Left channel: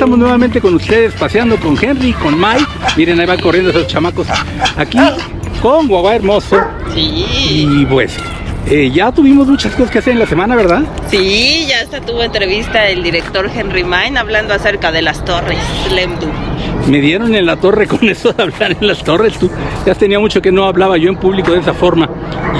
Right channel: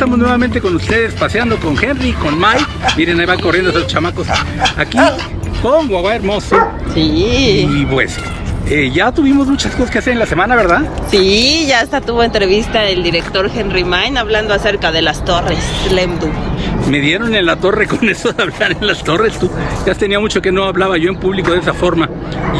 estamos nuevamente con ustedes, paseando con Henry, con Mike. Miren, ahí van corriendo esos chamacos aquí con Guagua Hermoso. Sí. Y pues, ya tuvimos muchas cosas que hacer en la semana, ¿verdad? Sí, ya hasta tuvo entrevista el director Henry Main hablando acerca de las torres Lemdu. Me dieron en la torre con eso de hablar en las torres. Ya tenía mucho que no hablaba yo en público de esa forma.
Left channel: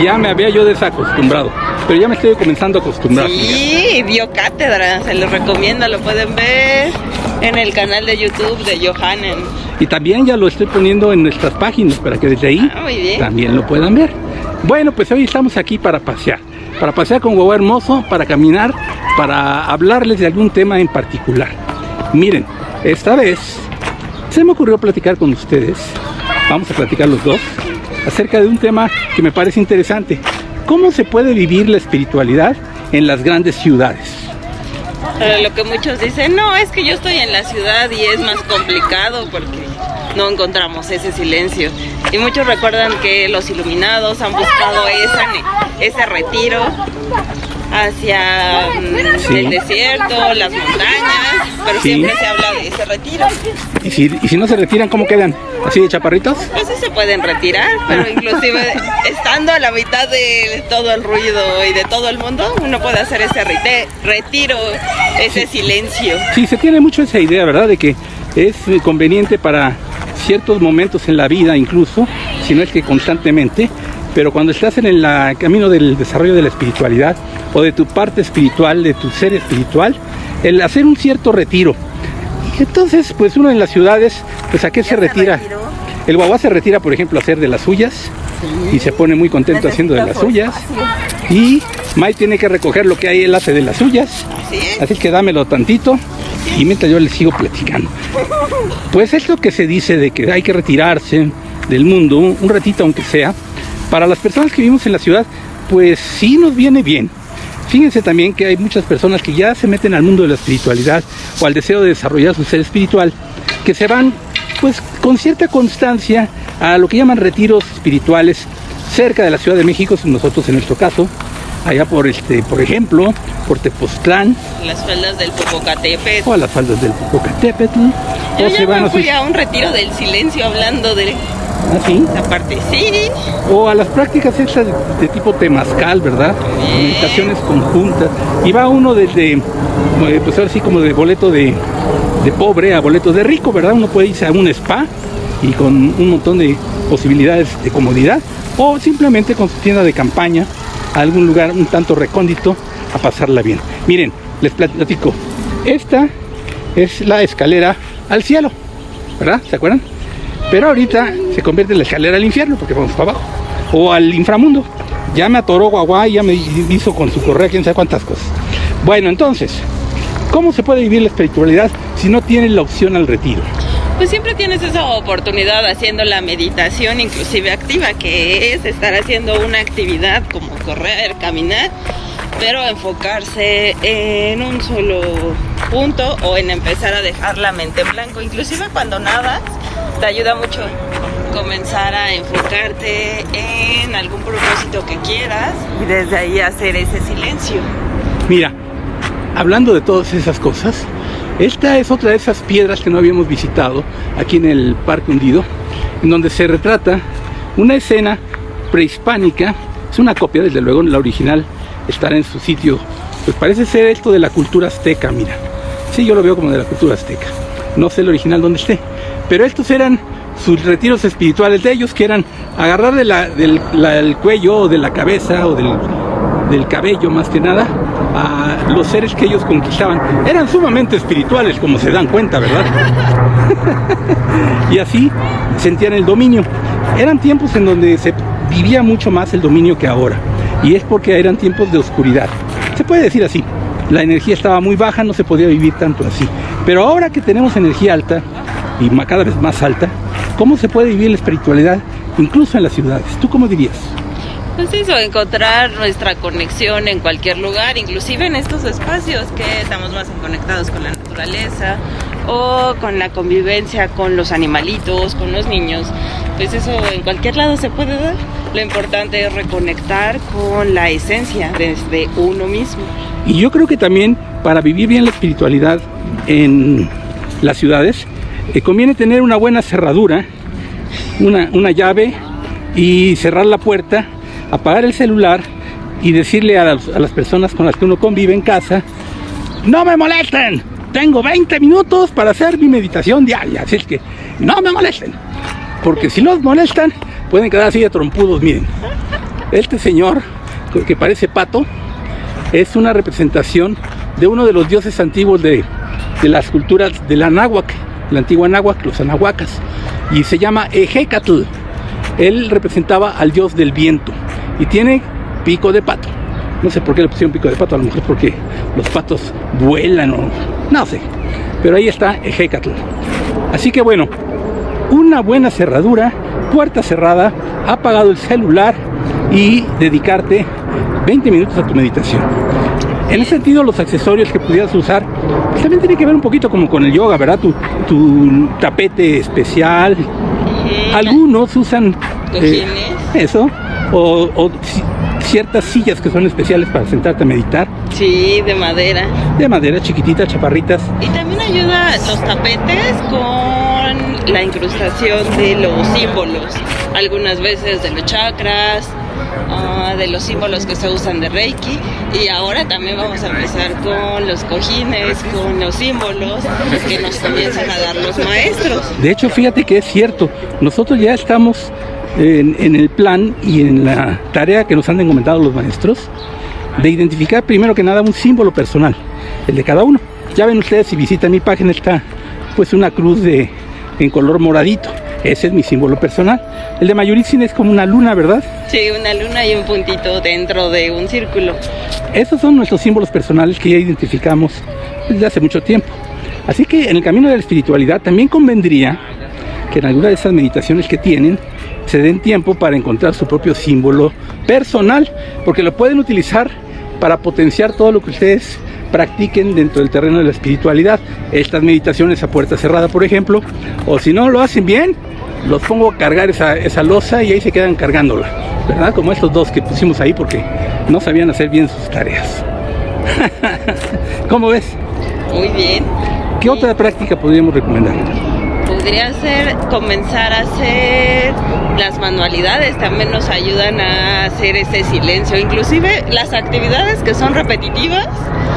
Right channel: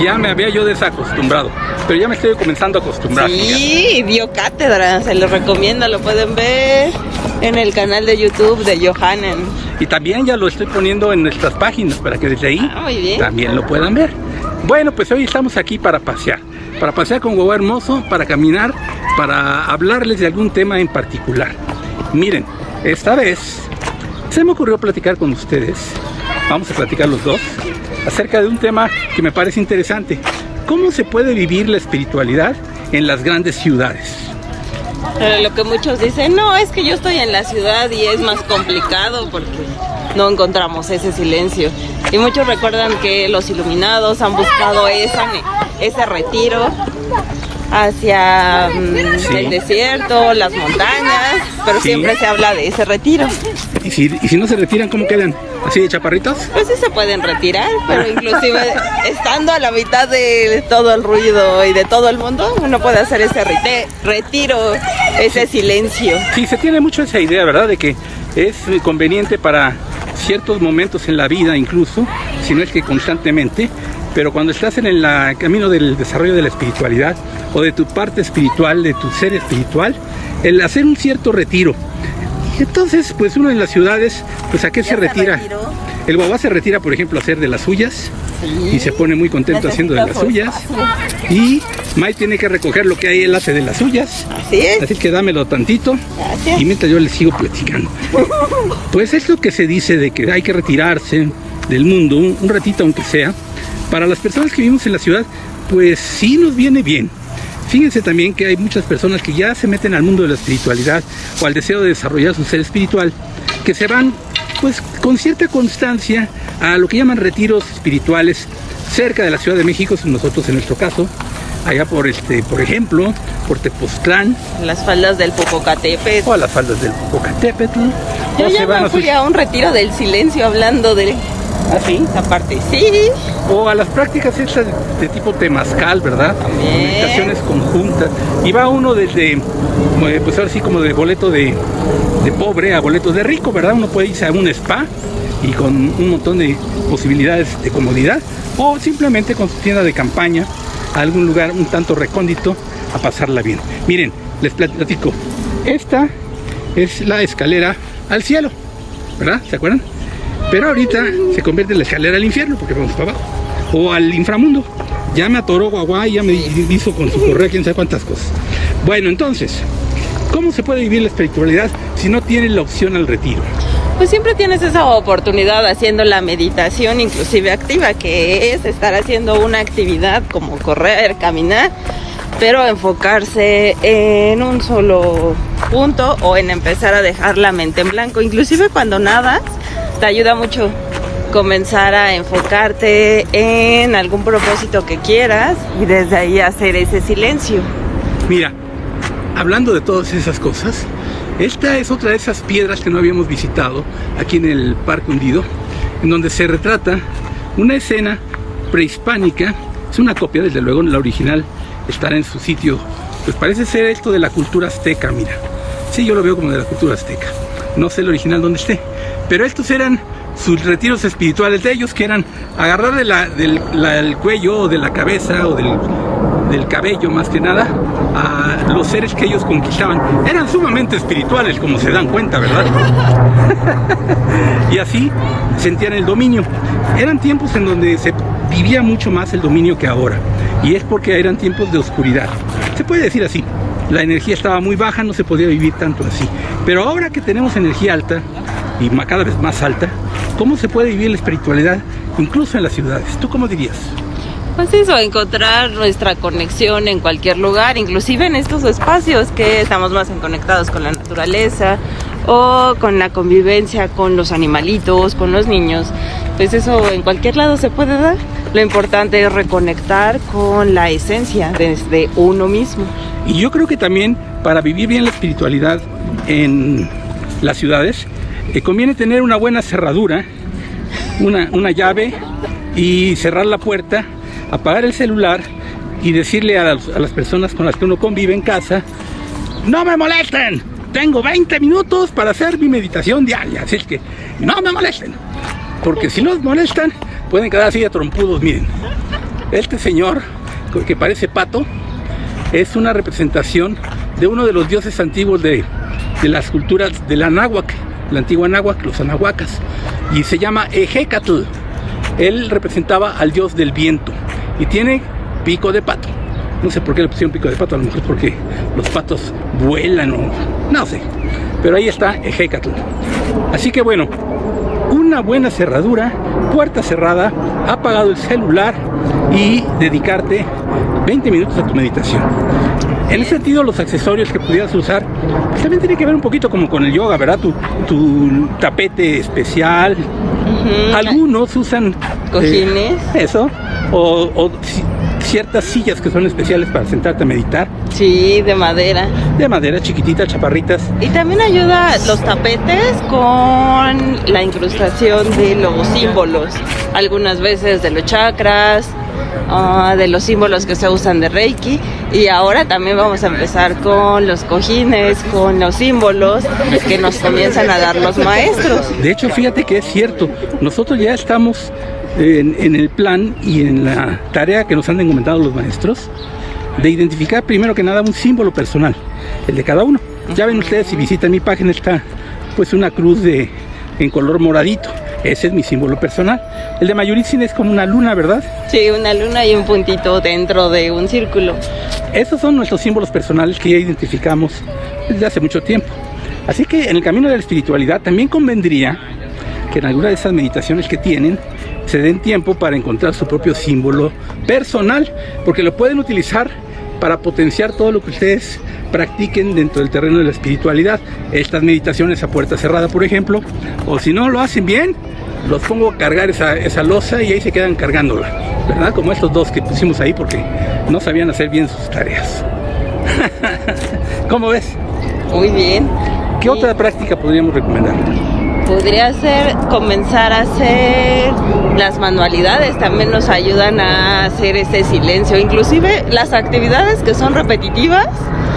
Ya me había yo desacostumbrado, pero ya me estoy comenzando a acostumbrar. Sí, dio cátedra, se les recomienda, lo pueden ver en el canal de YouTube de Johannen. Y también ya lo estoy poniendo en nuestras páginas para que desde ahí muy bien. También lo puedan ver. Bueno, pues hoy estamos aquí para pasear con Guagua Hermoso, para caminar, para hablarles de algún tema en particular. Miren, esta vez se me ocurrió platicar con ustedes, vamos a platicar los dos, acerca de un tema que me parece interesante. ¿Cómo se puede vivir la espiritualidad en las grandes ciudades? Lo que muchos dicen, no, es que yo estoy en la ciudad y es más complicado porque no encontramos ese silencio. Y muchos recuerdan que los iluminados han buscado ese retiro hacia el desierto, las montañas, pero siempre se habla de ese retiro. ¿Y si no se retiran, cómo quedan? ¿Así de chaparritos? Pues sí se pueden retirar, pero inclusive estando a la mitad de todo el ruido y de todo el mundo, uno puede hacer ese retiro, ese silencio. Sí, se tiene mucho esa idea, ¿verdad? De que es conveniente para ciertos momentos en la vida, incluso, si no es que constantemente, pero cuando estás en el camino del desarrollo de la espiritualidad o de tu parte espiritual, de tu ser espiritual, el hacer un cierto retiro. Entonces, pues uno en las ciudades, pues ¿a qué se retira? El guagua se retira, por ejemplo, a hacer de las suyas, y se pone muy contento haciendo de las suyas. Y Mike tiene que recoger lo que hay, él hace de las suyas. Así que dámelo tantito y mientras yo les sigo platicando. Pues es lo que se dice de que hay que retirarse del mundo, un ratito aunque sea. Para las personas que vivimos en la ciudad, pues sí nos viene bien. Fíjense también que hay muchas personas que ya se meten al mundo de la espiritualidad o al deseo de desarrollar su ser espiritual, que se van pues con cierta constancia a lo que llaman retiros espirituales cerca de la Ciudad de México, nosotros en nuestro caso, allá por ejemplo, por Tepoztlán. Las faldas del Popocatépetl. O a las faldas del Popocatépetl. Yo ya me fui a un retiro del silencio hablando de ¿sí? esa parte, sí. O a las prácticas estas de tipo temazcal, ¿verdad? Meditaciones conjuntas. Y va uno desde, pues ahora sí como de boleto de pobre a boleto de rico, ¿verdad? Uno puede irse a un spa y con un montón de posibilidades de comodidad, o simplemente con su tienda de campaña a algún lugar un tanto recóndito a pasarla bien. Miren, les platico. Esta es la escalera al cielo, ¿verdad? ¿Se acuerdan? Pero ahorita se convierte en la escalera al infierno porque vamos para abajo, o al inframundo. Ya me atoró Guagua y ya me hizo con su correa quién sabe cuántas cosas. Bueno, entonces, ¿cómo se puede vivir la espiritualidad si no tienes la opción al retiro? Pues siempre tienes esa oportunidad haciendo la meditación inclusive activa, que es estar haciendo una actividad como correr, caminar, pero enfocarse en un solo punto o en empezar a dejar la mente en blanco. Inclusive cuando nadas, te ayuda mucho comenzar a enfocarte en algún propósito que quieras y desde ahí hacer ese silencio. Mira, hablando de todas esas cosas, esta es otra de esas piedras que no habíamos visitado aquí en el Parque Hundido, en donde se retrata una escena prehispánica. Es una copia, desde luego, la original estará en su sitio. Pues parece ser esto de la cultura azteca, mira. Sí, yo lo veo como de la cultura azteca. No sé el original dónde esté, pero estos eran sus retiros espirituales de ellos, que eran agarrar del cuello o de la cabeza o del cabello más que nada a los seres que ellos conquistaban. Eran sumamente espirituales, como se dan cuenta, ¿verdad? Y así sentían el dominio. Eran tiempos en donde se vivía mucho más el dominio que ahora, y es porque eran tiempos de oscuridad. Se puede decir así, la energía estaba muy baja, no se podía vivir tanto así. Pero ahora que tenemos energía alta, y cada vez más alta, ¿cómo se puede vivir la espiritualidad incluso en las ciudades? ¿Tú cómo dirías? Pues eso, encontrar nuestra conexión en cualquier lugar, inclusive en estos espacios que estamos más conectados con la naturaleza o con la convivencia con los animalitos, con los niños. Pues eso en cualquier lado se puede dar. Lo importante es reconectar con la esencia desde uno mismo. Y yo creo que también para vivir bien la espiritualidad en las ciudades, conviene tener una buena cerradura, una llave, y cerrar la puerta, apagar el celular y decirle a las personas con las que uno convive en casa: no me molesten, tengo 20 minutos para hacer mi meditación diaria, así que no me molesten, porque si nos molestan pueden quedar así de trompudos. Miren, este señor que parece pato es una representación de uno de los dioses antiguos de las culturas de la náhuatl, la antigua náhuatl, los anahuacas, y se llama Ejecatl. Él representaba al dios del viento y tiene pico de pato. No sé por qué le pusieron pico de pato, a lo mejor porque los patos vuelan o no sé, pero ahí está Ejecatl. Así que bueno, una buena cerradura, puerta cerrada, apagado el celular y dedicarte 20 minutos a tu meditación. En ese sentido, los accesorios que pudieras usar también tiene que ver un poquito como con el yoga, ¿verdad? Tu tapete especial. Algunos usan cojines, eso, o ciertas sillas que son especiales para sentarte a meditar. Sí, de madera. De madera, chiquititas, chaparritas. Y también ayuda los tapetes con la incrustación de los símbolos, algunas veces de los chakras, de los símbolos que se usan de Reiki, y ahora también vamos a empezar con los cojines, con los símbolos que nos comienzan a dar los maestros. De hecho, fíjate que es cierto, nosotros ya estamos en el plan y en la tarea que nos han encomendado los maestros de identificar primero que nada un símbolo personal, el de cada uno. Ya ven ustedes, si visitan mi página, está pues una cruz en color moradito. Ese es mi símbolo personal. El de Mayuritzin es como una luna, ¿verdad? Sí, una luna y un puntito dentro de un círculo. Esos son nuestros símbolos personales que ya identificamos desde hace mucho tiempo. Así que en el camino de la espiritualidad también convendría que en alguna de esas meditaciones que tienen se den tiempo para encontrar su propio símbolo personal, porque lo pueden utilizar para potenciar todo lo que ustedes practiquen dentro del terreno de la espiritualidad. Estas meditaciones a puerta cerrada, por ejemplo, o si no lo hacen bien, los pongo a cargar esa losa y ahí se quedan cargando, ¿verdad? Como estos dos que pusimos ahí porque no sabían hacer bien sus tareas. ¿Cómo ves? Muy bien. ¿Qué otra práctica podríamos recomendar? Podría ser comenzar a hacer las manualidades, también nos ayudan a hacer este silencio, inclusive las actividades que son repetitivas,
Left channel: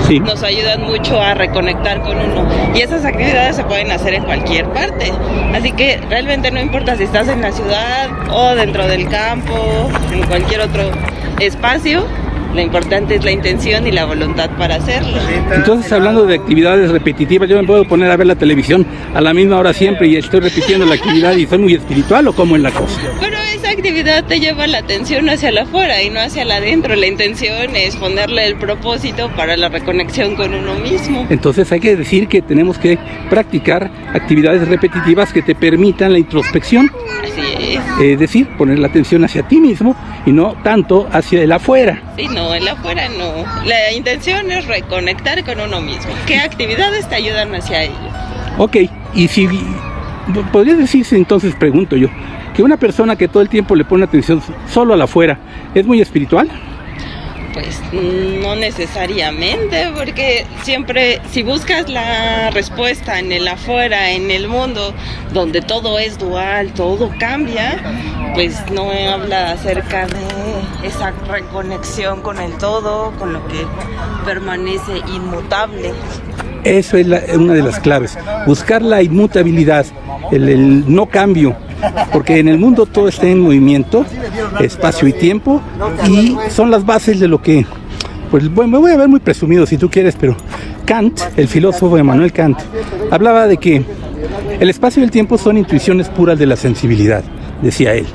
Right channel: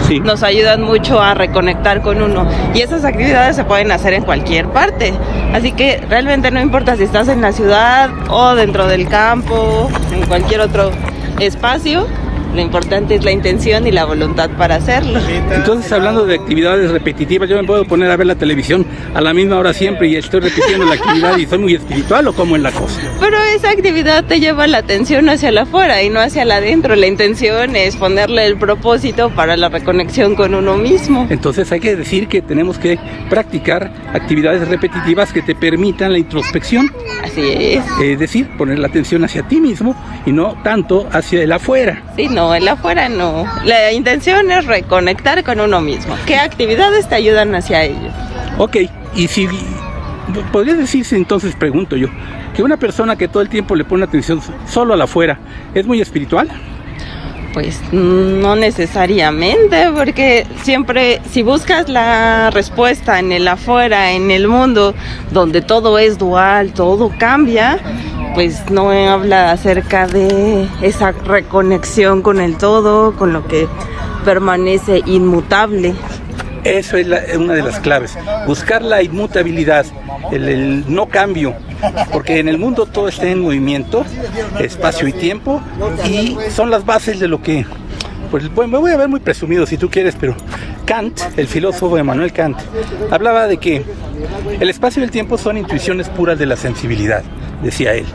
sí, nos ayudan mucho a reconectar con uno, y esas actividades se pueden hacer en cualquier parte, así que realmente no importa si estás en la ciudad o dentro del campo, en cualquier otro espacio. Lo importante es la intención y la voluntad para hacerlo. Entonces, hablando de actividades repetitivas, ¿yo me puedo poner a ver la televisión a la misma hora siempre y estoy repitiendo la actividad y soy muy espiritual, o cómo es la cosa? Pero esa actividad te lleva la atención hacia la afuera y no hacia la adentro. La intención es ponerle el propósito para la reconexión con uno mismo. Entonces hay que decir que tenemos que practicar actividades repetitivas que te permitan la introspección. Así es. Es decir, poner la atención hacia ti mismo y no tanto hacia el afuera. Sí, no, el afuera no. La intención es reconectar con uno mismo. ¿Qué actividades te ayudan hacia ello? Ok, y si podría decirse, entonces pregunto yo, que una persona que todo el tiempo le pone atención solo al afuera, ¿es muy espiritual? Pues no necesariamente, porque siempre si buscas la respuesta en el afuera, en el mundo, donde todo es dual, todo cambia, pues no habla acerca de esa reconexión con el todo, con lo que permanece inmutable. Eso es una de las claves, buscar la inmutabilidad, el no cambio, porque en el mundo todo está en movimiento, espacio y tiempo, y son las bases de lo que, pues me voy a ver muy presumido si tú quieres, pero Kant, el filósofo Immanuel Kant, hablaba de que el espacio y el tiempo son intuiciones puras de la sensibilidad, decía él.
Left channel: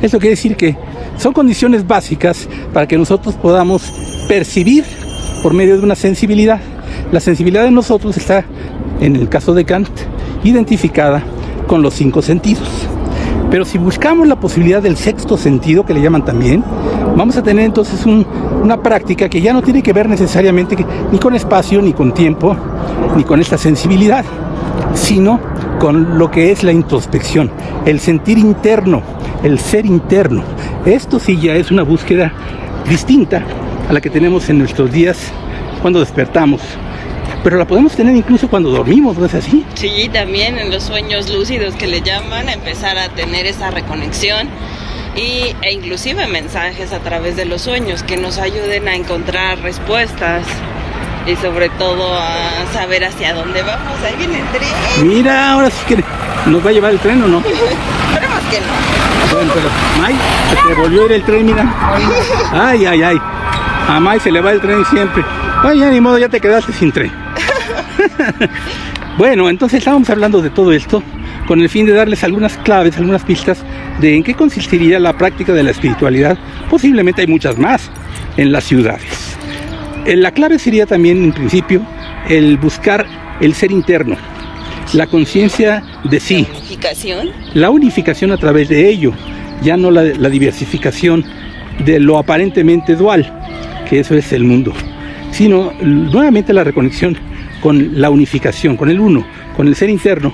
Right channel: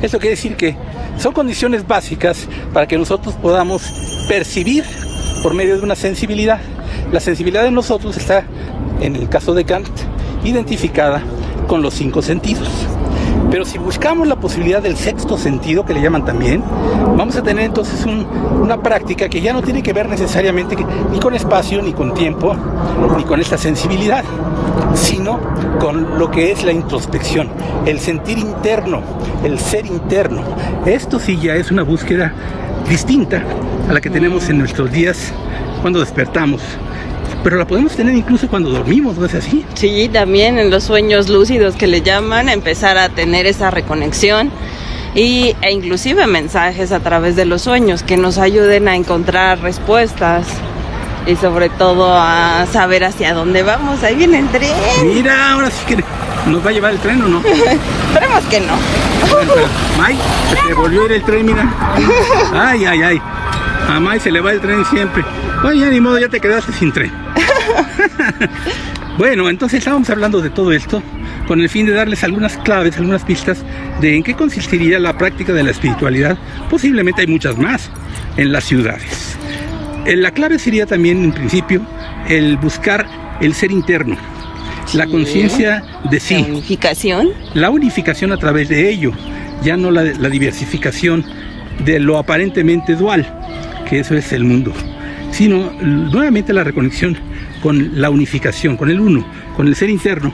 Eso quiere decir que son condiciones básicas para que nosotros podamos percibir por medio de una sensibilidad. La sensibilidad de nosotros está, en el caso de Kant, identificada con los 5 sentidos. Pero si buscamos la posibilidad del sexto sentido, que le llaman también, vamos a tener entonces una práctica que ya no tiene que ver necesariamente ni con espacio, ni con tiempo, ni con esta sensibilidad, sino con lo que es la introspección, el sentir interno, el ser interno. Esto sí ya es una búsqueda distinta a la que tenemos en nuestros días cuando despertamos. pero la podemos tener incluso cuando dormimos, ¿no es así? Sí, también en los sueños lúcidos que le llaman, empezar a tener esa reconexión e inclusive mensajes a través de los sueños que nos ayuden a encontrar respuestas y sobre todo a saber hacia dónde vamos. Ahí viene el tren. Mira, ahora sí que nos va a llevar el tren, ¿no? Esperemos que no. Bueno, pero, May, se te volvió a ir el tren, mira. Ay, ay, ay. A May se le va el tren siempre. Ay, ya ni modo, ya te quedaste sin tren. Bueno, entonces estábamos hablando de todo esto con el fin de darles algunas claves, algunas pistas de en qué consistiría la práctica de la espiritualidad. Posiblemente hay muchas más en las ciudades. La clave sería también, en principio, el buscar el ser interno, la conciencia de sí, Unificación. la unificación a través de ello, ya no la diversificación de lo aparentemente dual, que eso es el mundo, sino nuevamente la reconexión con la unificación, con el uno, con el ser interno,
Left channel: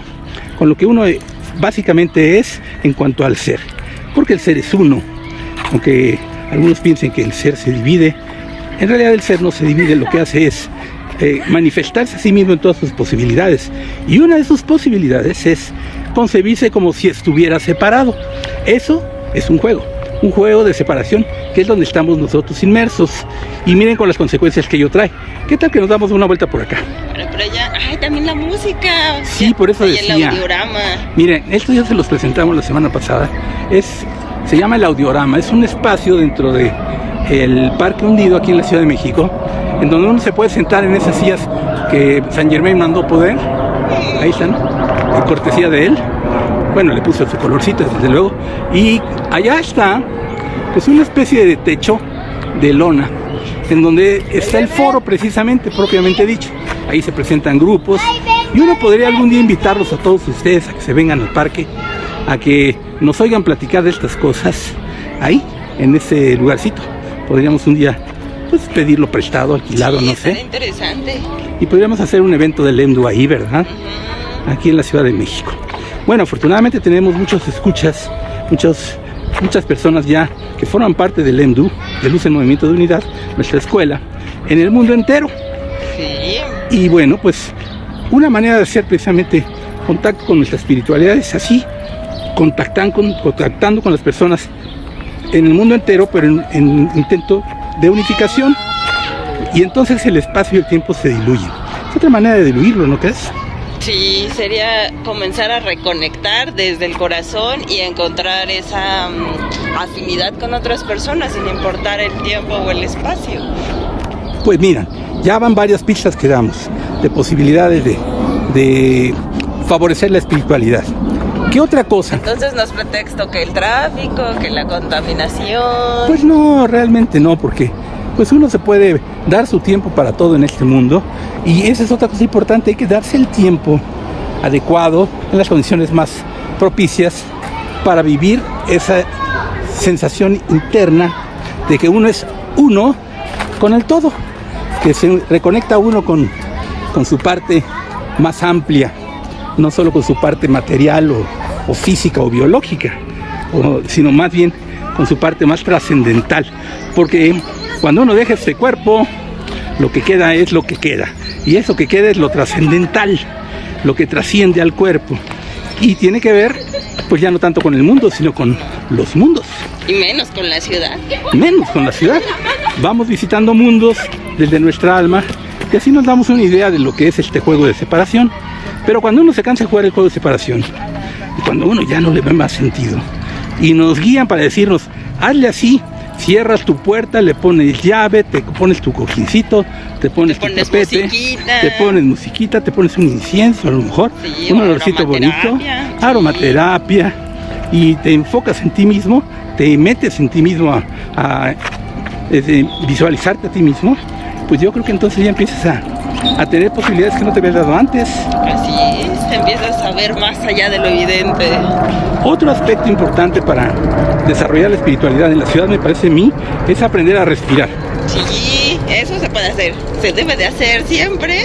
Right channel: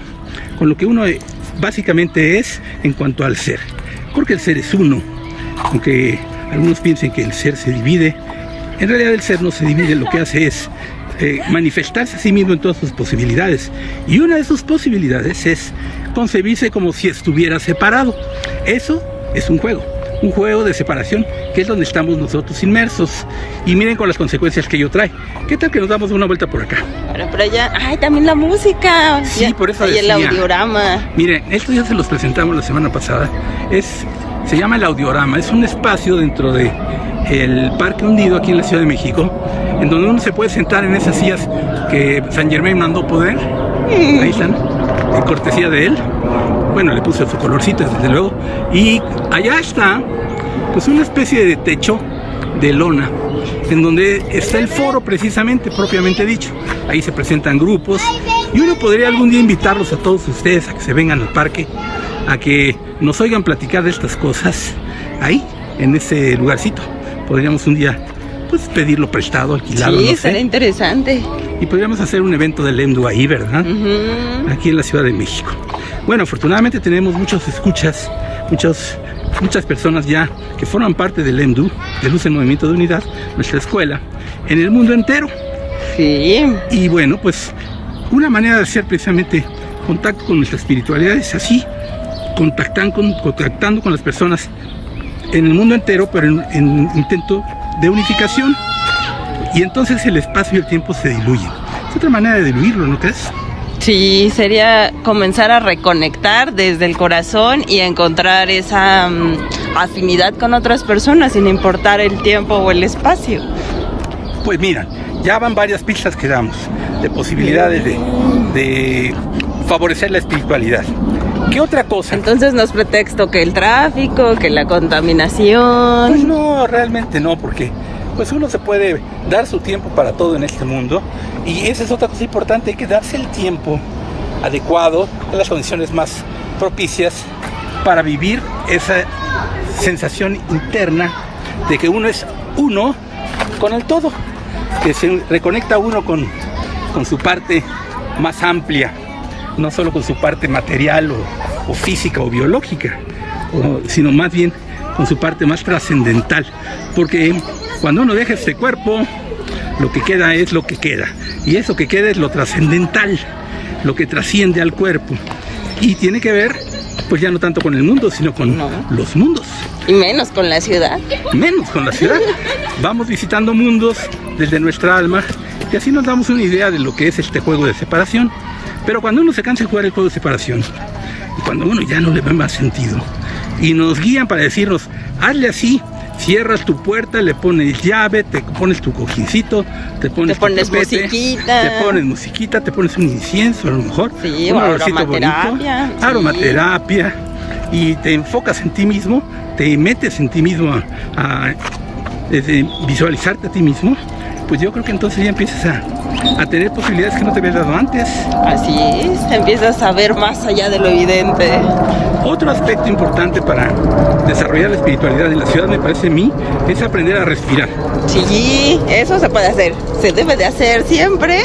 con lo que uno básicamente es en cuanto al ser, porque el ser es uno, aunque algunos piensen que el ser se divide. En realidad el ser no se divide, lo que hace es manifestarse a sí mismo en todas sus posibilidades. Y una de sus posibilidades es concebirse como si estuviera separado. Eso es un juego de separación, que es donde estamos nosotros inmersos. Y miren con las consecuencias que ello trae. ¿Qué tal que nos damos una vuelta por acá? Por allá, ay, también la música. Sí, por eso y el decía. audiorama. Miren, esto ya se los presentamos la semana pasada. Se llama el audiorama. Es un espacio dentro de el Parque Hundido aquí en la Ciudad de México, en donde uno se puede sentar en esas sillas que Saint Germain mandó poner. Ahí están, en cortesía de él. Bueno, le puso su colorcito, desde luego. Y allá está, pues, una especie de techo de lona, en donde está el foro precisamente, propiamente dicho. Ahí se presentan grupos y uno podría algún día invitarlos a todos ustedes a que se vengan al parque, a que nos oigan platicar de estas cosas ahí, en ese lugarcito. Podríamos un día, pues, pedirlo prestado, alquilado, Sí, no sé. sería interesante. Y podríamos hacer un evento del EMDU ahí, ¿verdad? Aquí en la Ciudad de México. Bueno, afortunadamente tenemos muchos escuchas, muchas personas ya que forman parte del EMDU, de Luz en Movimiento de Unidad, nuestra escuela, en el mundo entero. Sí. Y bueno, pues una manera de hacer precisamente contacto con nuestra espiritualidad es así, contactando con las personas en el mundo entero, pero en intento de unificación. Y entonces el espacio y el tiempo se diluyen. Es otra manera de diluirlo, ¿no crees? Sí, sería comenzar a reconectar desde el corazón y a encontrar esa afinidad con otras personas sin importar el tiempo o el espacio. Pues mira, ya van varias pistas que damos de posibilidades de favorecer la espiritualidad. ¿Qué otra cosa? Entonces no es pretexto que el tráfico, que la contaminación. Pues no, realmente no, porque pues uno se puede dar su tiempo para todo en este mundo, y esa es otra cosa importante, hay que darse el tiempo adecuado, en las condiciones más propicias, para vivir esa sensación interna de que uno es uno con el todo, que se reconecta uno con su parte más amplia, no solo con su parte material o física o biológica, sino más bien con su parte más trascendental, porque cuando uno deja este cuerpo, lo que queda es lo que queda, y eso que queda es lo trascendental, lo que trasciende al cuerpo, y tiene que ver, pues, ya no tanto con el mundo, sino con los mundos. Y menos con la ciudad. Menos con la ciudad. Vamos visitando mundos desde nuestra alma, y así nos damos una idea de lo que es este juego de separación. Pero cuando uno se cansa de jugar el juego de separación, y cuando uno ya no le ve más sentido, y nos guían para decirnos, hazle así, cierras tu puerta, le pones llave, te pones tu cojincito, te pones musiquita, te pones un incienso, a lo mejor, sí, un olorcito bonito, sí, aromaterapia, y te enfocas en ti mismo, te metes en ti mismo a visualizarte a ti mismo. Pues yo creo que entonces ya empiezas a tener posibilidades que no te habías dado antes. Así es, empiezas a ver más allá de lo evidente. Otro aspecto importante para desarrollar la espiritualidad en la ciudad, me parece a mí, es aprender a respirar. Sí, eso se puede hacer, se debe de hacer siempre,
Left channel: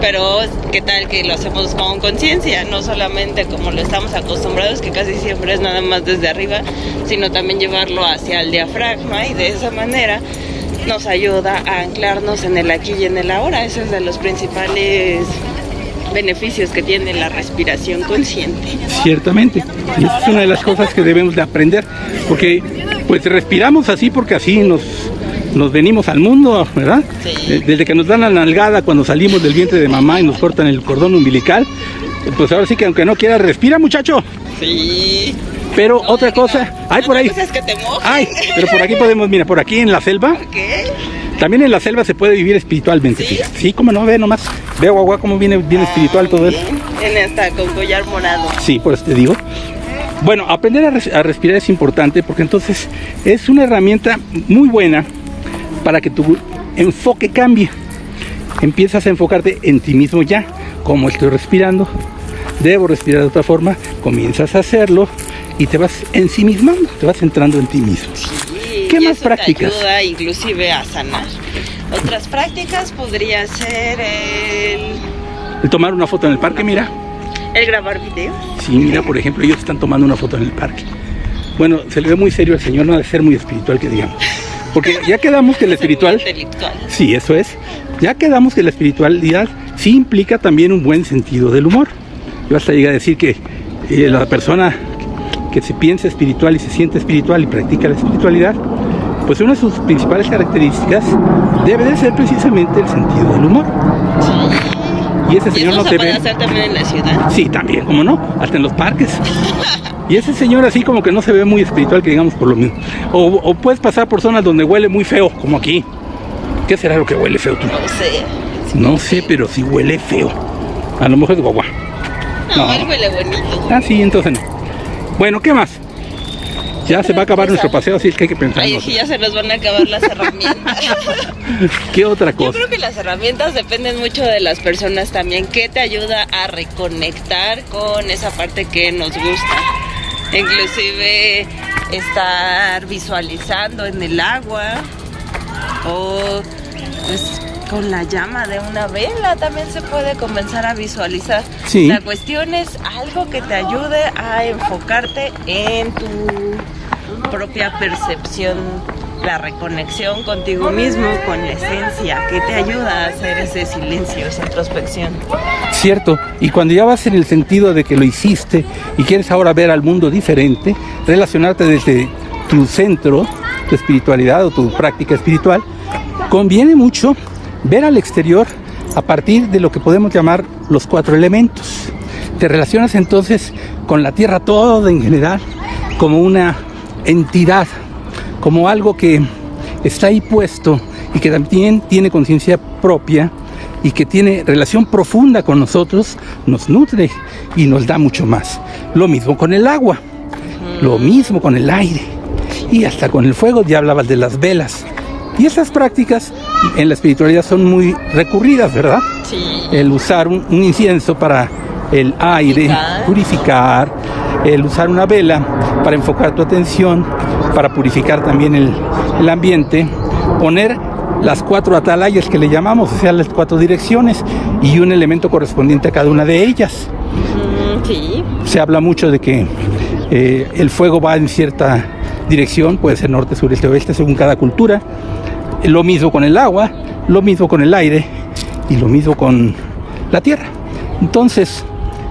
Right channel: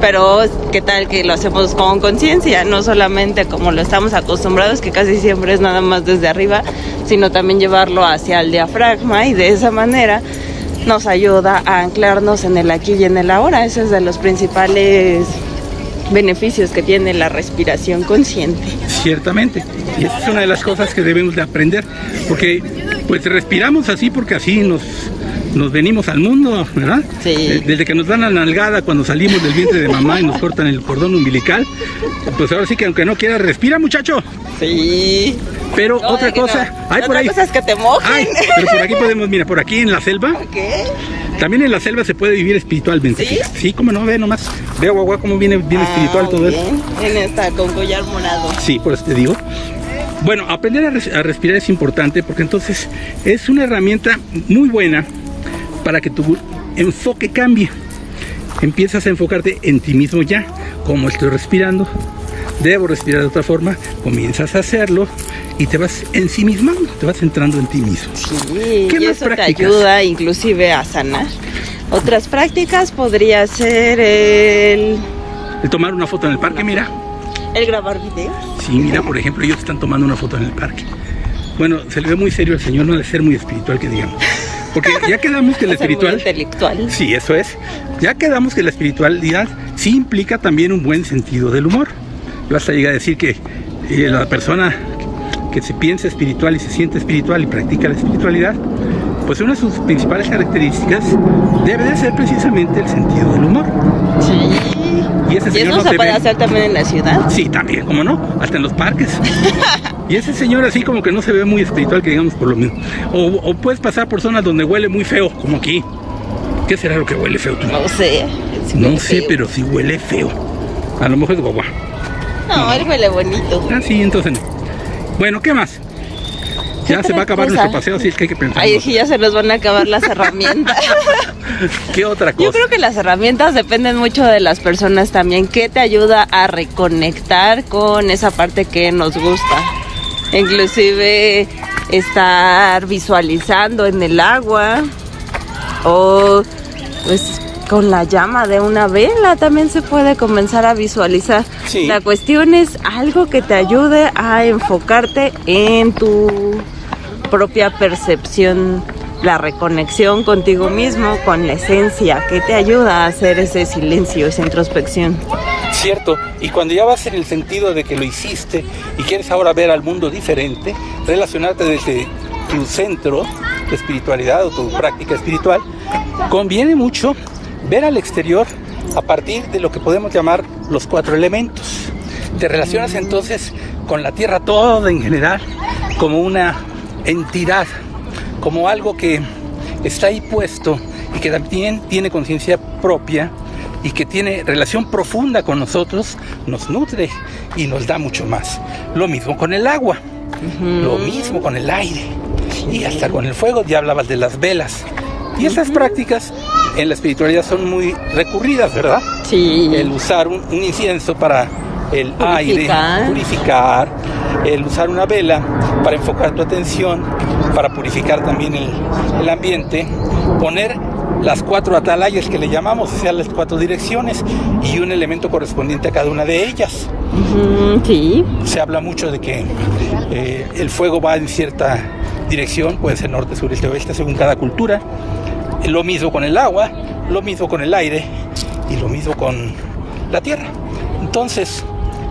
pero ¿qué tal que lo hacemos con conciencia? No solamente como lo estamos acostumbrados, que casi siempre es nada más desde arriba, sino también llevarlo hacia el diafragma, y de esa manera nos ayuda a anclarnos en el aquí y en el ahora. Ese es de los principales beneficios que tiene la respiración consciente. Ciertamente, y esa es una de las cosas que debemos de aprender, porque pues respiramos así porque así nos venimos al mundo, ¿verdad? Sí. Desde que nos dan la nalgada cuando salimos del vientre de mamá y nos cortan el cordón umbilical, pues ahora sí que aunque no quieras, respira, muchacho. Sí. Pero no, otra cosa, hay por ahí. Otra cosa es que te mojes. Ay, pero por aquí podemos, mira, por aquí en la selva. ¿Qué? También en la selva se puede vivir espiritualmente. ¿Sí? Sí, cómo no, ve nomás. Ve, guagua, cómo viene bien espiritual todo bien. esto. En esta con collar morado. Sí, por eso te digo. Bueno, aprender a respirar es importante porque entonces es una herramienta muy buena para que tu enfoque cambie. Empiezas a enfocarte en ti mismo ya. ¿Cómo estoy respirando? Debo respirar de otra forma. Comienzas a hacerlo y te vas ensimismando, te vas centrando en ti mismo. Sí, ¿Qué y más eso prácticas? te ayuda inclusive a sanar. Otras prácticas podría ser el Tomar una foto en el parque, mira. grabar videos. Sí, mira, por ejemplo, ellos están tomando una foto en el parque. Bueno, se le ve muy serio al señor, no ha de ser muy espiritual, que digamos. Porque ya quedamos que el espiritual... Intelectual. Sí, eso es. Ya quedamos que la espiritualidad sí implica también un buen sentido del humor. Vas a llegar a decir que la persona que se piensa espiritual y se siente espiritual y practica la espiritualidad, pues una de sus principales características debe de ser precisamente el sentido del humor. Sí. Y ese ¿Y señor eso no se te puede ve. hacer también en la ciudad? Sí, también, ¿cómo no? Hasta en los parques. Y ese señor así como que no se ve muy espiritual, que digamos por lo mismo. O puedes pasar por zonas donde huele muy feo, como aquí. ¿Qué será lo que huele feo tú? No sé. No sé, pero sí huele feo. A lo mejor es guagua. No, él huele bonito. Ah, sí, entonces no. Bueno, ¿qué más? Ya se va a acabar cosa. nuestro paseo, así es que hay que pensar. Ay, sí, ya se nos van a acabar las herramientas. ¿Qué otra cosa? Yo creo que las herramientas dependen mucho de las personas también. ¿Qué te ayuda a reconectar con esa parte que nos gusta? Inclusive estar visualizando en el agua o pues con la llama de una vela también se puede comenzar a visualizar. Sí. La cuestión es algo que te ayude a enfocarte en tu propia percepción, la reconexión contigo mismo, con la esencia, que te ayuda a hacer ese silencio, esa introspección. Cierto, y cuando ya vas en el sentido de que lo hiciste y quieres ahora ver al mundo diferente, relacionarte desde tu centro, tu espiritualidad o tu práctica espiritual, conviene mucho ver al exterior a partir de lo que podemos llamar los 4 elementos. Te relacionas entonces con la tierra toda en general como una entidad, como algo que está ahí puesto y que también tiene conciencia propia y que tiene relación profunda con nosotros, nos nutre y nos da mucho más. Lo mismo con el agua, lo mismo con el aire y hasta con el fuego. Ya hablabas de las velas. Y estas prácticas en la espiritualidad son muy recurridas, ¿verdad? Sí. El usar un incienso para el aire, purificar, el usar una vela para enfocar tu atención, para purificar también el ambiente, poner las 4 atalayas que le llamamos, o sea, las 4 direcciones y un elemento correspondiente a cada una de ellas. Sí. Se habla mucho de que el fuego va en cierta dirección, puede ser norte, sur, este, oeste, según cada cultura. Lo mismo con el agua, lo mismo con el aire y lo mismo con la tierra. Entonces,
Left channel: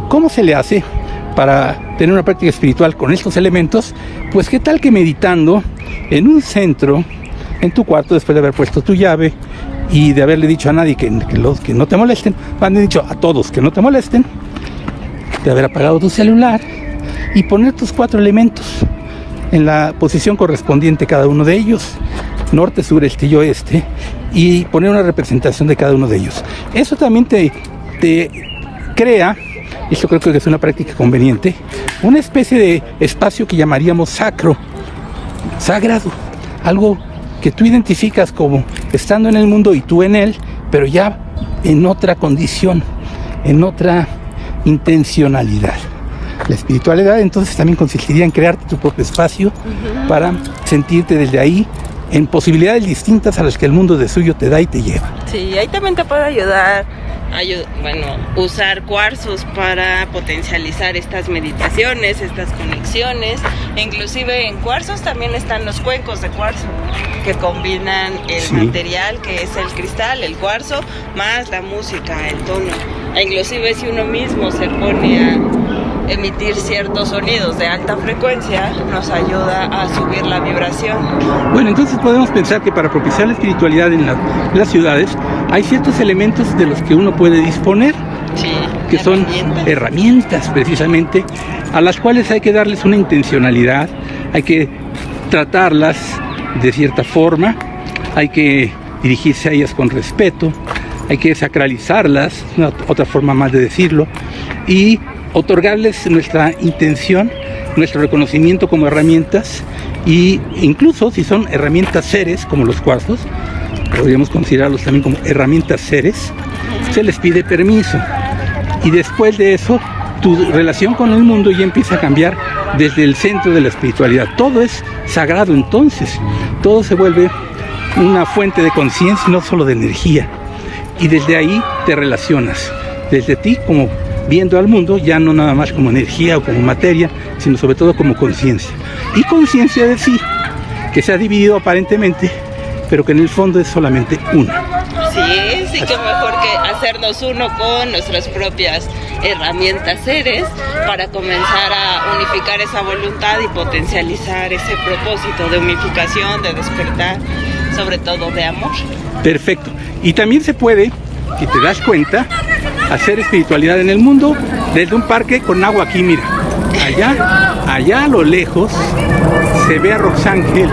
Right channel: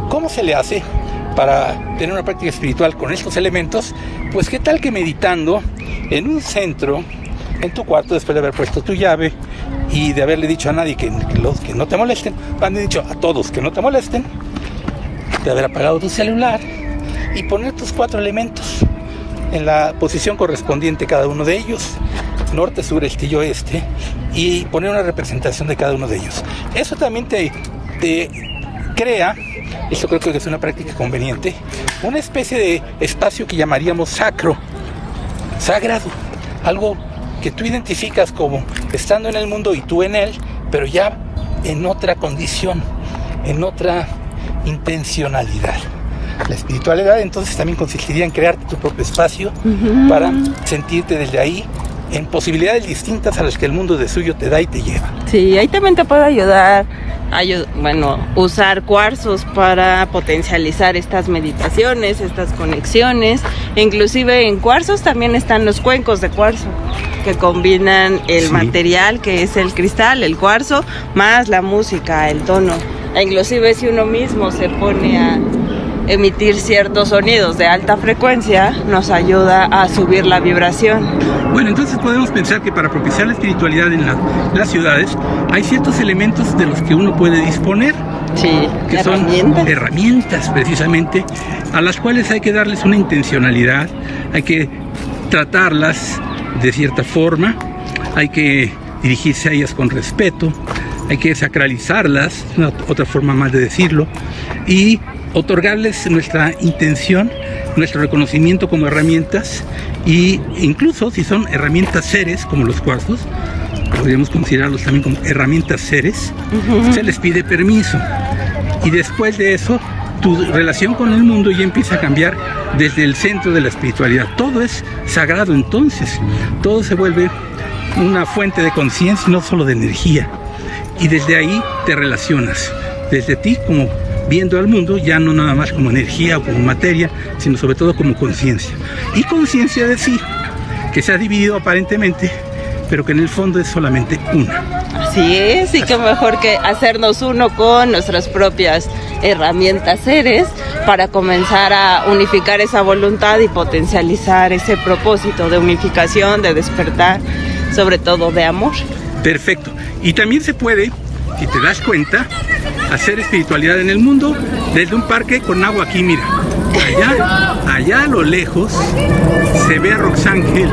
¿cómo se le hace para tener una práctica espiritual con estos elementos? Pues qué tal que meditando en un centro, en tu cuarto, después de haber puesto tu llave y de haberle dicho a nadie que no te molesten, han dicho a todos que no te molesten, de haber apagado tu celular y poner tus 4 elementos en la posición correspondiente a cada uno de ellos, norte, sur, este y oeste, y poner una representación de cada uno de ellos. Eso también te crea, eso creo que es una práctica conveniente, una especie de espacio que llamaríamos sacro, sagrado, algo que tú identificas como estando en el mundo y tú en él, pero ya en otra condición, en otra intencionalidad. La espiritualidad entonces también consistiría en crear tu propio espacio para sentirte desde ahí en posibilidades distintas a las que el mundo de suyo te da y te lleva. Sí, ahí también te puede ayudar usar cuarzos para potencializar estas meditaciones, estas conexiones. Inclusive en cuarzos también están los cuencos de cuarzo, que combinan el material que es el cristal, el cuarzo, más la música, el tono. E inclusive si uno mismo se pone a emitir ciertos sonidos de alta frecuencia, nos ayuda a subir la vibración. Bueno, entonces podemos pensar que para propiciar la espiritualidad en las ciudades hay ciertos elementos de los que uno puede disponer, que son herramientas precisamente, a las cuales hay que darles una intencionalidad, hay que tratarlas de cierta forma, hay que dirigirse a ellas con respeto, hay que sacralizarlas, otra forma más de decirlo, y otorgarles nuestra intención, nuestro reconocimiento como herramientas, y incluso si son herramientas seres como los cuarzos, podríamos considerarlos también como herramientas seres, se les pide permiso, y después de eso tu relación con el mundo ya empieza a cambiar desde el centro de la espiritualidad. Todo es sagrado entonces, todo se vuelve una fuente de conciencia, no solo de energía, y desde ahí te relacionas, desde ti como viendo al mundo, ya no nada más como energía o como materia, sino sobre todo como conciencia. Y conciencia de sí, que se ha dividido aparentemente, pero que en el fondo es solamente uno. Sí, que mejor que hacernos uno con nuestras propias herramientas seres para comenzar a unificar esa voluntad y potencializar ese propósito de unificación, de despertar, sobre todo de amor. Perfecto. Y también se puede, si te das cuenta, hacer espiritualidad en el mundo desde un parque con agua aquí, mira. Allá a lo lejos se ve a Roxángel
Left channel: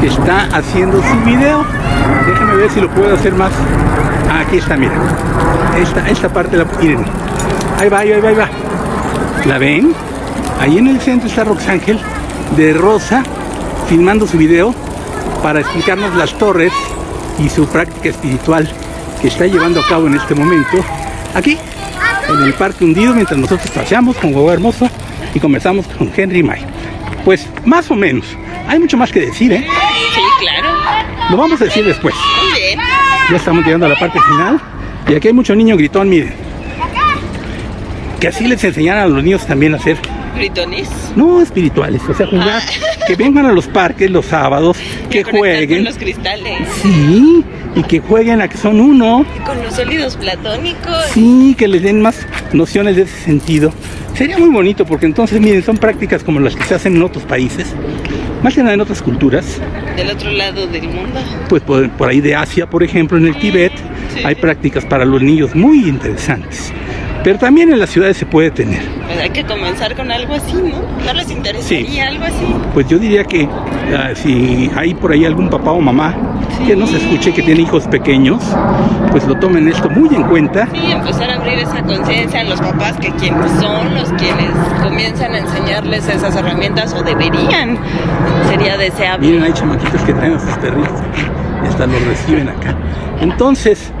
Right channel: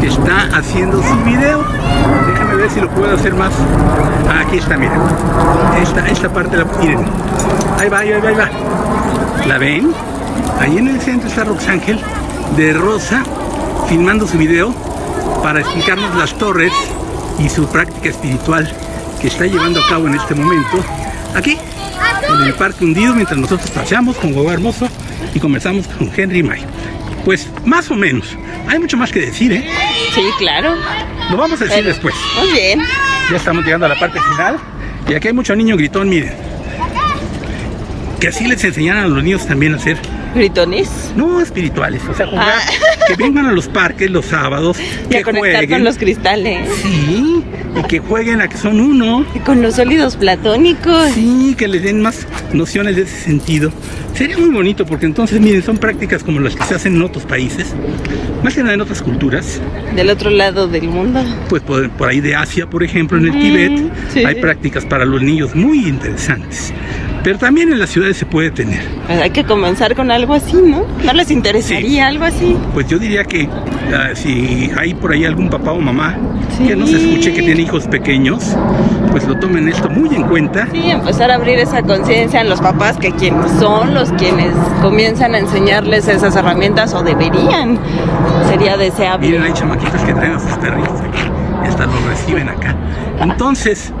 que está haciendo su video. Déjenme ver si lo puedo hacer más. Aquí está, mira. Esta parte miren. Ahí va. ¿La ven? Ahí en el centro está Roxángel de rosa filmando su video para explicarnos las torres y su práctica espiritual que está llevando a cabo en este momento aquí en el Parque Hundido, mientras nosotros paseamos con Guagua Hermosa y conversamos con Henry May. Pues más o menos, hay mucho más que decir, ¿eh? Sí, claro. Lo vamos a decir después. Muy bien. Ya estamos llegando a la parte final y aquí hay mucho niño gritón, miren. Que así les enseñaran a los niños también a hacer ¿gritones? No, espirituales, o sea, jugar, que vengan a los parques los sábados, que jueguen con los cristales. Sí, y que jueguen a que son uno. Y con los sólidos platónicos. Sí, que les den más nociones de ese sentido. Sería muy bonito porque entonces, miren, son prácticas como las que se hacen en otros países, más que nada en otras culturas. Del otro lado del mundo. Pues por ahí de Asia, por ejemplo, en el Tíbet, hay prácticas para los niños muy interesantes. Pero también en las ciudades se puede tener. Hay que comenzar con algo así, ¿no? ¿No les interesaría algo así? Pues yo diría que si hay por ahí algún papá o mamá que nos escuche, que tiene hijos pequeños, pues lo tomen esto muy en cuenta. Sí, empezar a abrir esa conciencia en los papás, que quienes son los quienes comienzan a enseñarles esas herramientas, o deberían. Sería deseable. Miren, hay chamaquitos que traen a sus perritos y hasta los reciben acá. Entonces,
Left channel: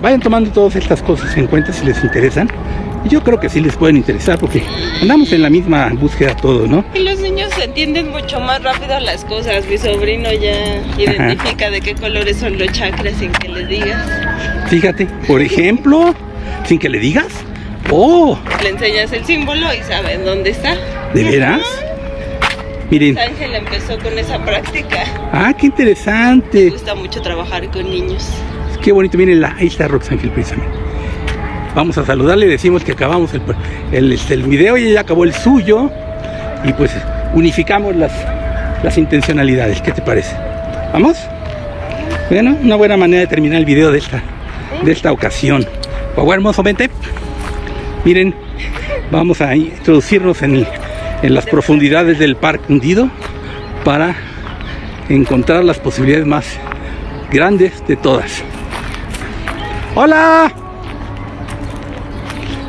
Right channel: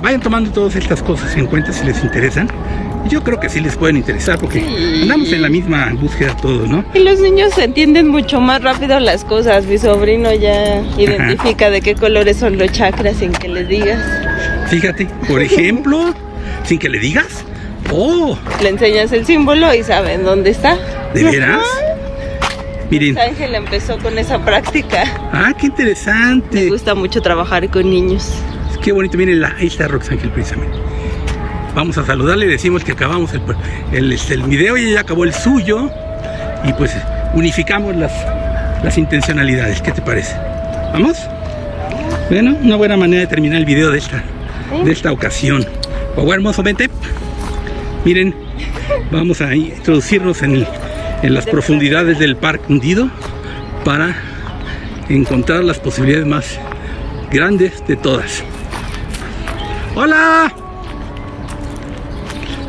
vayan tomando todas estas cosas en cuenta si les interesan. Yo creo que sí les pueden interesar porque andamos en la misma búsqueda todo, ¿no? Y los niños entienden mucho más rápido las cosas. Mi sobrino ya identifica de qué colores son los chakras sin que le digas. Fíjate, por ejemplo, sin que le digas. ¡Oh! Le enseñas el símbolo y saben dónde está. ¿De veras? Miren. Ángel empezó con esa práctica. ¡Ah, qué interesante! Me gusta mucho trabajar con niños. Qué bonito, miren, ahí está Roxángel precisamente. Vamos a saludarle, decimos que acabamos el video y ya acabó el suyo. Y pues unificamos las intencionalidades. ¿Qué te parece? ¿Vamos? Bueno, una buena manera de terminar el video de esta ocasión. Guagua Hermoso, vente. Miren, vamos a introducirnos en las profundidades del Parque Hundido para encontrar las posibilidades más grandes de todas. ¡Hola!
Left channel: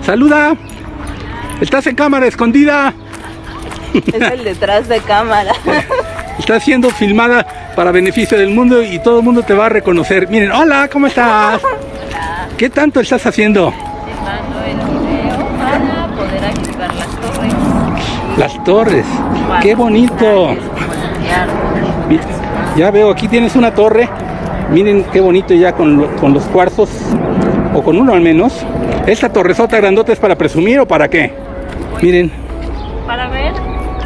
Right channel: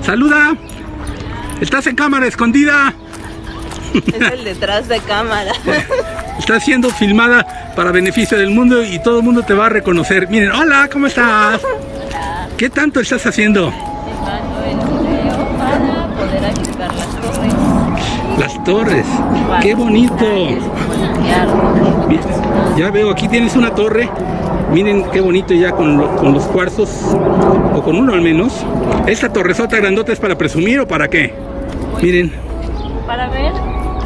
¡Saluda! ¿Estás en cámara escondida? Es el detrás de cámara. Está siendo filmada para beneficio del mundo y todo el mundo te va a reconocer. Miren, hola, ¿cómo estás? Hola. ¿Qué tanto estás haciendo? Filmando el video para poder activar las torres. Las torres. ¡Qué bonito! Ya veo, aquí tienes una torre Miren qué bonito ya con los cuarzos, o con uno al menos. ¿Esta torresota grandota es para presumir o para qué? Miren. Para ver,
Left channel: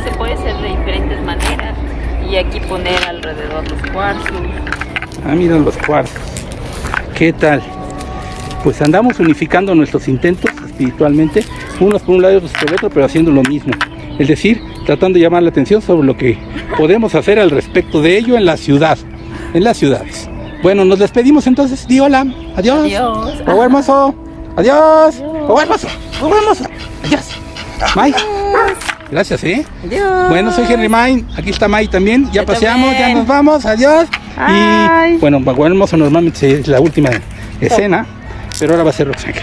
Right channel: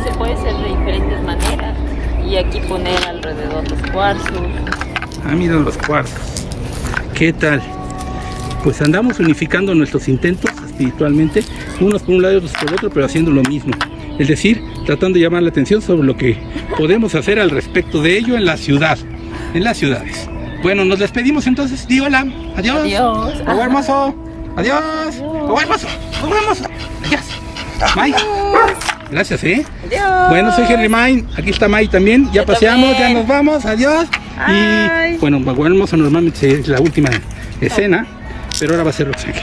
se puede hacer de diferentes maneras. Y aquí poner alrededor los cuarzos. Ah, miren los cuarzos. ¿Qué tal? Pues andamos unificando nuestros intentos espiritualmente, unos por un lado y otros por el otro, pero haciendo lo mismo. Es decir, tratando de llamar la atención sobre lo que podemos hacer al respecto de ello en la ciudad, en las ciudades. Bueno, nos despedimos entonces. Di hola. Adiós. Adiós. Fuego hermoso. Adiós. Fuego hermoso. Fuego hermoso. Adiós. May. Gracias, Adiós. Bueno, soy Henry May. Aquí está May también. Ya paseamos, ya nos vamos. Adiós. Ay. Y bueno, Fuego hermoso normalmente es la última escena, pero ahora va a ser Roxana.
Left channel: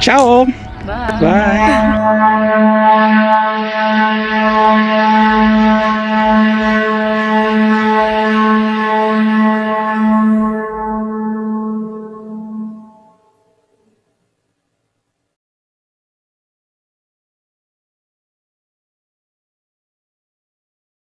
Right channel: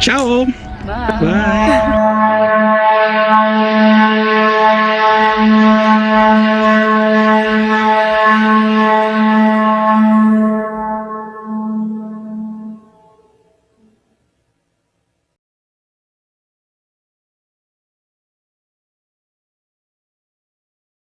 Chao. Bye. Bye.